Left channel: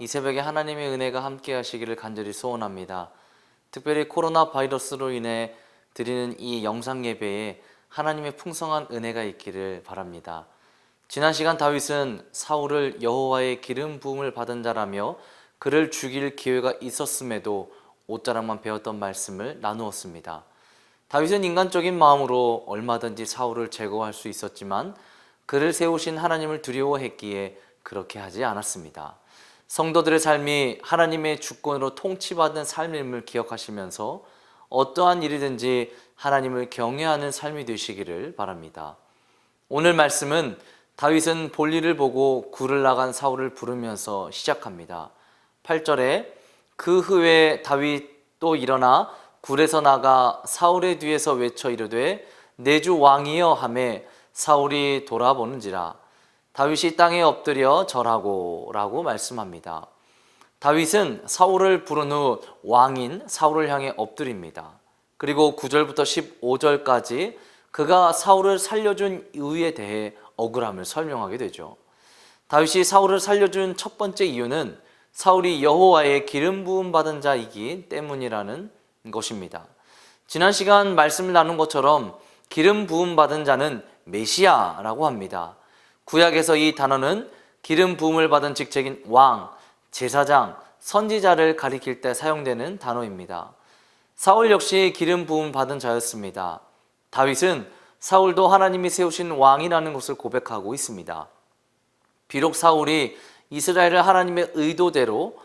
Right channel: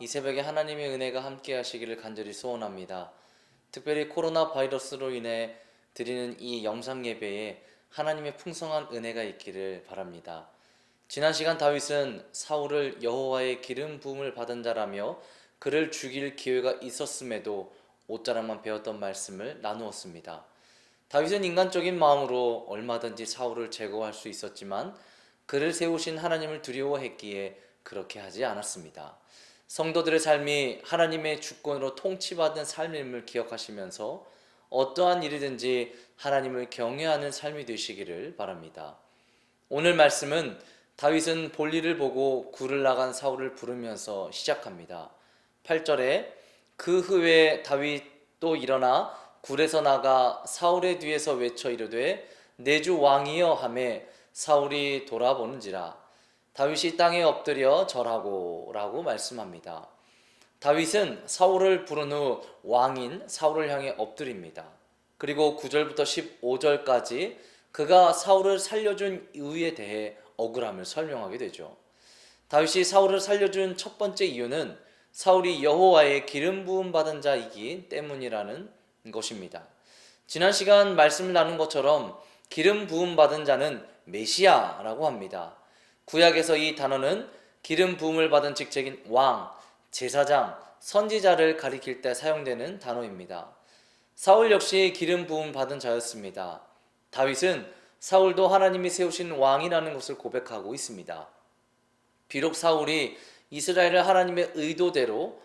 이 새벽에 하나님의 은혜가 함께 하시기를 간절히 소원합니다. 특별히 코로나 바이러스로 인해 드리는 이 영상 예배에 하나님의 풍성한 은혜가 있기를 바랍니다. 지난 시간 다윗은 사울을 여호와의 기름 부음을 받은 자라며 그를 죽일 기회가 있었음에도 옷자락만 베었던 말씀을 나누었습니다. 다윗은 인간적인 마음으로 얼마든지 사울을 제거할 수 있었지만 그를 세우신 하나님을 두려워했기에 그렇게 하지 않았습니다. 성도들의 삶이 하나님의 주권으로 통치받은 삶임을 기억하시면서 어떠한 일이든지 하나님을 경외하는 삶이 되시기를 바랍니다. 오늘 말씀은 다윗은 볼일을 보고 굴을 나간 사울을 부르면서 시작합니다. 8절에 그 후에 다윗 또 일어나 굴에서 나가 사울의 뒤에서 외쳐 이르되 내 주 왕이여 하매 사울이 돌아보는지라 다윗이 땅에 엎드려 절하고 라고 말씀합니다. 다윗은 사울을 부른 후 왕인 사울을 향해 엎드립니다. 그리고 9절부터 15절까지 그가 사울을 살려준 이유에 대해 억울함을 설명하게 되죠. 다윗이 사울을 살려준 첫 번째 이유는 사울이 여호와의 기름 부음 받은 자이기 때문이라는 것입니다. 지난 시간 말씀을 나눈 것처럼 기름 부음 받은 자는 메시아라고 합니다. 구약에서 이 단어는 기름 부음을 받은 직책인 왕, 제사장, 선지자를 가리킬 때 사용되는 단어입니다. 사울 역시 기름 부음 받은 자였습니다. 다윗은 사울도 하나님이 세우신 왕이라는 것을 고백하고 있습니다. 비록 사울이 이스라엘을 하나님의 의도대로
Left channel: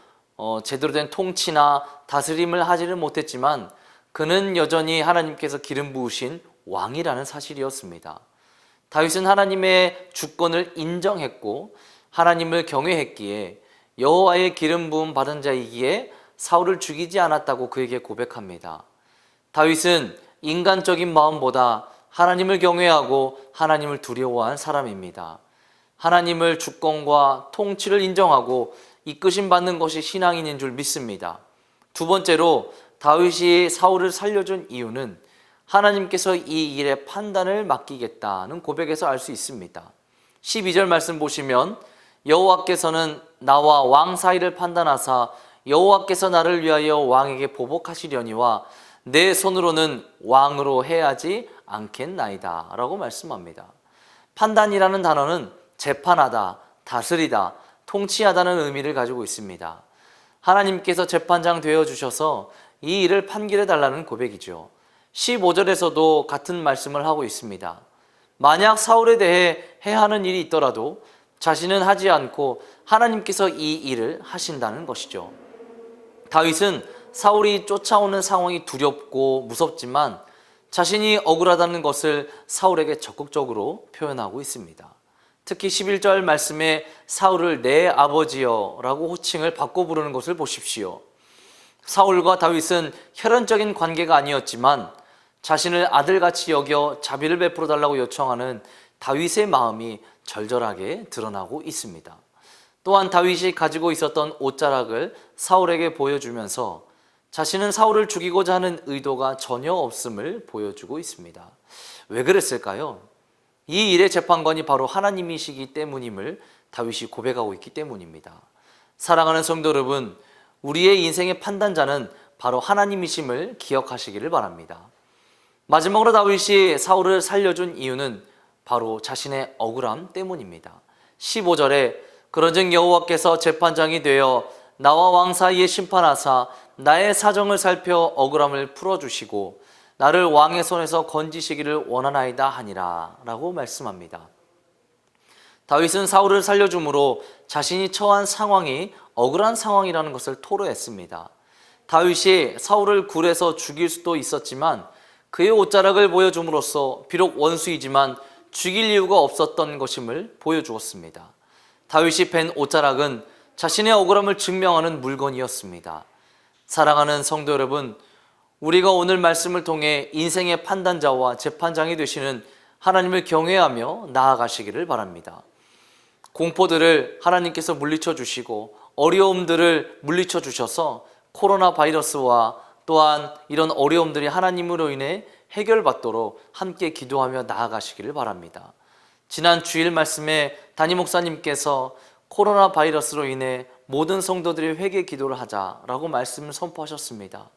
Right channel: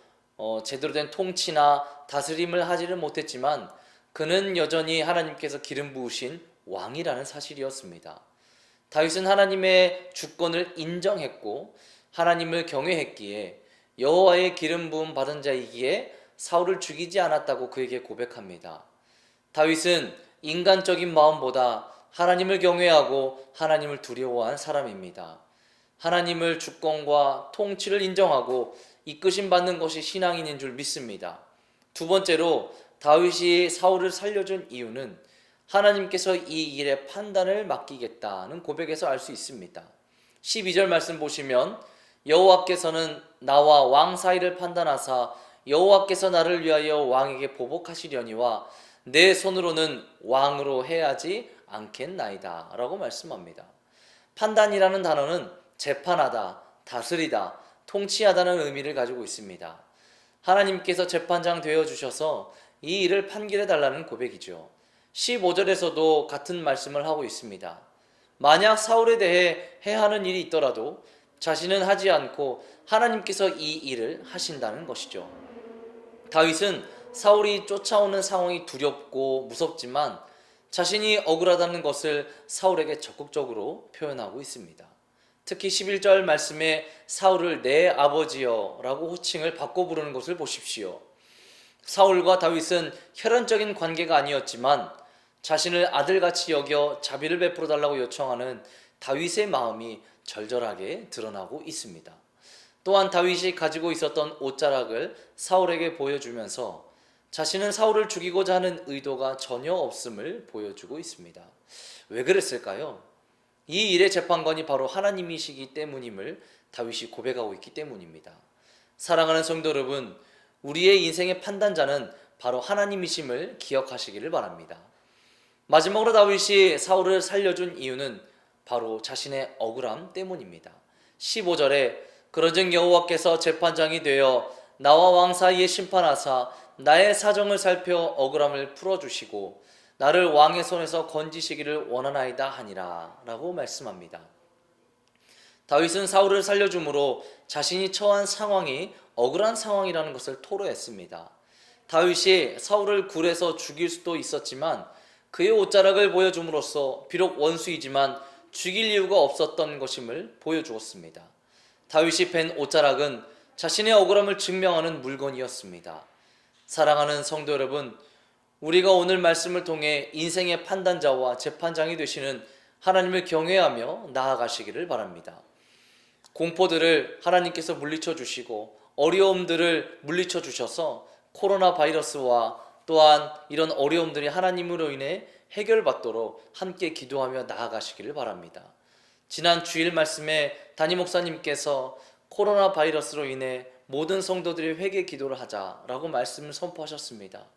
제대로 된 통치나 다스림을 하지는 못했지만 그는 여전히 하나님께서 기름 부으신 왕이라는 사실이었습니다. 다윗은 하나님의 주권을 인정했고 하나님을 경외했기에 여호와의 기름 부음 받은 자이기에 사울을 죽이지 않았다고 그에게 고백합니다. 다윗은 인간적인 마음보다 하나님을 경외하고 하나님을 두려워한 사람입니다. 하나님을 주권과 통치를 인정하고 이끄심 받는 것이 신앙인인 줄 믿습니다. 두 번째로 다윗이 사울을 살려준 이유는 하나님께서 이 일의 판단을 맡기겠다는 고백에서 알 수 있습니다. 12절 말씀 보시면 여호와께서는 나와 왕 사이를 판단하사 여호와께서 나를 위하여 왕에게 보복하시려니와 내 손으로는 왕으로 해하지 않겠나이다 라고 말씀합니다. 판단이라는 단어는 재판하다, 다스리다, 통치하다는 의미를 가지고 있습니다. 하나님께서 재판장 되어주셔서 이 일을 판결해 달라는 고백이죠. 15절에서도 같은 말씀을 하고 있습니다. 만약 사울에 대해 해하는 일이 있더라도 자신은 하지 않고 하나님께서 이 일을 하신다는 것이죠. 다윗은 사울이 쫓아오는 상황이 두렵고 무섭지만 자신이 억울하다는 것을 사울에게 적극적으로 표현하고 있습니다. 특히 11절 말씀에 사울을 내 아버지여 라고 호칭을 바꿔 부르는 것을 보십시오. 사울과 다윗은 혈연적인 관계가 아니었지만 자신을 아들같이 여겨 자비를 베풀어 달라고 요청하는 다윗의 마음이 절절하게 드러나고 있습니다. 또한 다윗이 가지고 있었던 옷자락을 사울에게 보여주면서 자신은 사울을 죽이고자 하는 의도가 전혀 없음을 보여주고 있습니다. 왜 그랬을까요? 이 일의 재판관이 바로 하나님이시기 때문임을 다윗이 고백하고 있기 때문입니다. 사랑하는 성도 여러분, 우리의 인생의 판단자는 바로 하나님이심을 기억하시기를 바랍니다. 마지막으로 다윗이 사울을 살려준 이유는 바로 자신의 억울함 때문입니다. 15절에 그런즉 여호와께서 재판장이 되어 나와 왕 사이에 심판하사 나의 사정을 살펴 억울함을 풀어주시고 나를 왕의 손에서 건지시기를 원하나이다 하니라 라고 말씀합니다. 다윗은 사울을 살려줌으로 자신이 처한 상황이 억울한 상황이라는 것을 토로했습니다. 다윗이 사울을 굴에서 죽일 수도 있었지만 그의 옷자락을 보여줌으로써 비록 원수이지만 죽일 이유가 없었던 것임을 보여주었습니다. 다윗이 벤 옷자락은 자신의 억울함을 증명하는 물건이었습니다. 사랑하는 성도 여러분, 우리가 오늘 말씀을 통해 인생의 판단자와 재판장이 되시는 하나님을 경외하며 나아가시기를 바랍니다. 공포들을 하나님께서 물리쳐 주시고 어려움들을 물리쳐 주셔서 코로나 바이러스와 또한 이런 어려움들이 하나님으로 인해 해결받도록 함께 기도하며 나아가시기를 바랍니다. 지난 주일 말씀에 담임 목사님께서 코로나 바이러스로 인해 모든 성도들이 회개 기도를 하자라고 말씀을 선포하셨습니다.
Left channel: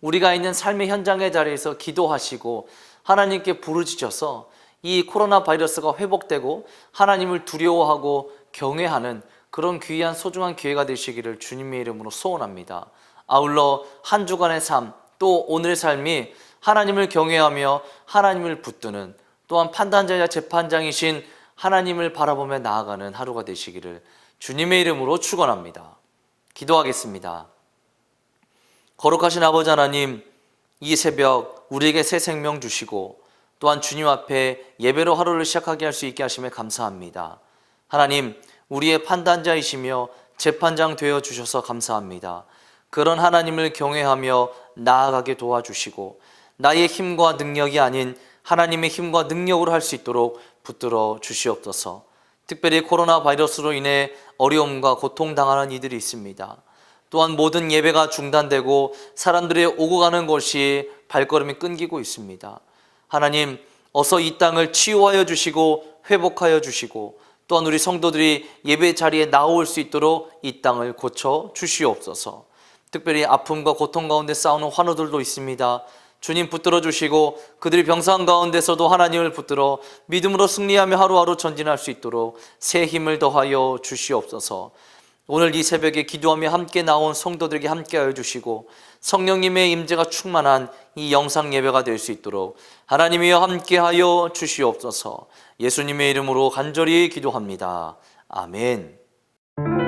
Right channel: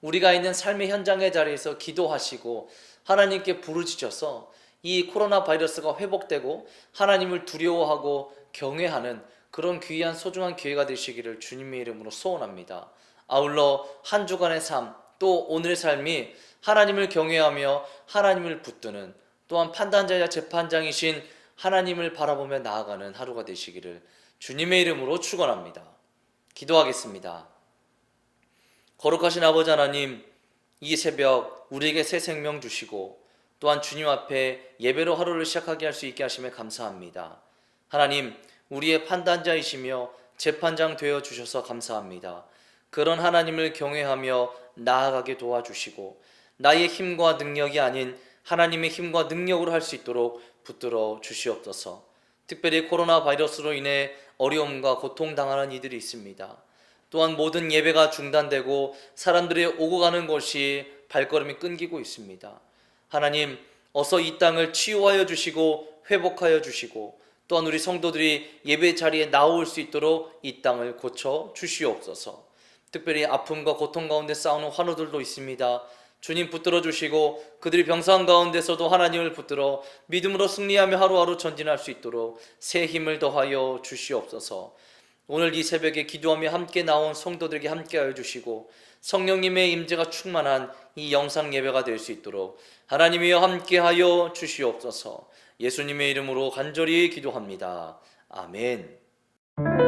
우리가 있는 삶의 현장의 자리에서 기도하시고 하나님께 부르짖어서 이 코로나 바이러스가 회복되고 하나님을 두려워하고 경외하는 그런 귀한 소중한 기회가 되시기를 주님의 이름으로 소원합니다. 아울러 한 주간의 삶, 또 오늘의 삶이 하나님을 경외하며 하나님을 붙드는, 또한 판단자야 재판장이신 하나님을 바라보며 나아가는 하루가 되시기를 주님의 이름으로 축원합니다. 기도하겠습니다. 거룩하신 아버지 하나님, 이 새벽 우리에게 새 생명 주시고 또한 주님 앞에 예배로 하루를 시작하게 할 수 있게 하심에 감사합니다. 하나님, 우리의 판단자이시며 재판장 되어 주셔서 감사합니다. 그런 하나님을 경외하며 나아가게 도와주시고 나의 힘과 능력이 아닌 하나님의 힘과 능력으로 할 수 있도록 붙들어 주시옵소서. 특별히 코로나 바이러스로 인해 어려움과 고통당하는 이들이 있습니다. 또한 모든 예배가 중단되고 사람들의 오고 가는 것이 발걸음이 끊기고 있습니다. 하나님, 어서 이 땅을 치유하여 주시고 회복하여 주시고 또한 우리 성도들이 예배 자리에 나올 수 있도록 이 땅을 고쳐 주시옵소서. 특별히 아픔과 고통 가운데 싸우는 환우들도 있습니다. 주님 붙들어 주시고 그들이 병상 가운데서도 하나님을 붙들어 믿음으로 승리하며 하루하루 전진할 수 있도록 새 힘을 더하여 주시옵소서. 오늘 이 새벽에 기도하며 함께 나온 성도들에게 함께하여 주시고 성령님의 임재가 충만한 이 영상 예배가 될 수 있도록 하나님이여 함께하여 주시옵소서. 예수님의 이름으로 간절히 기도합니다. 아멘.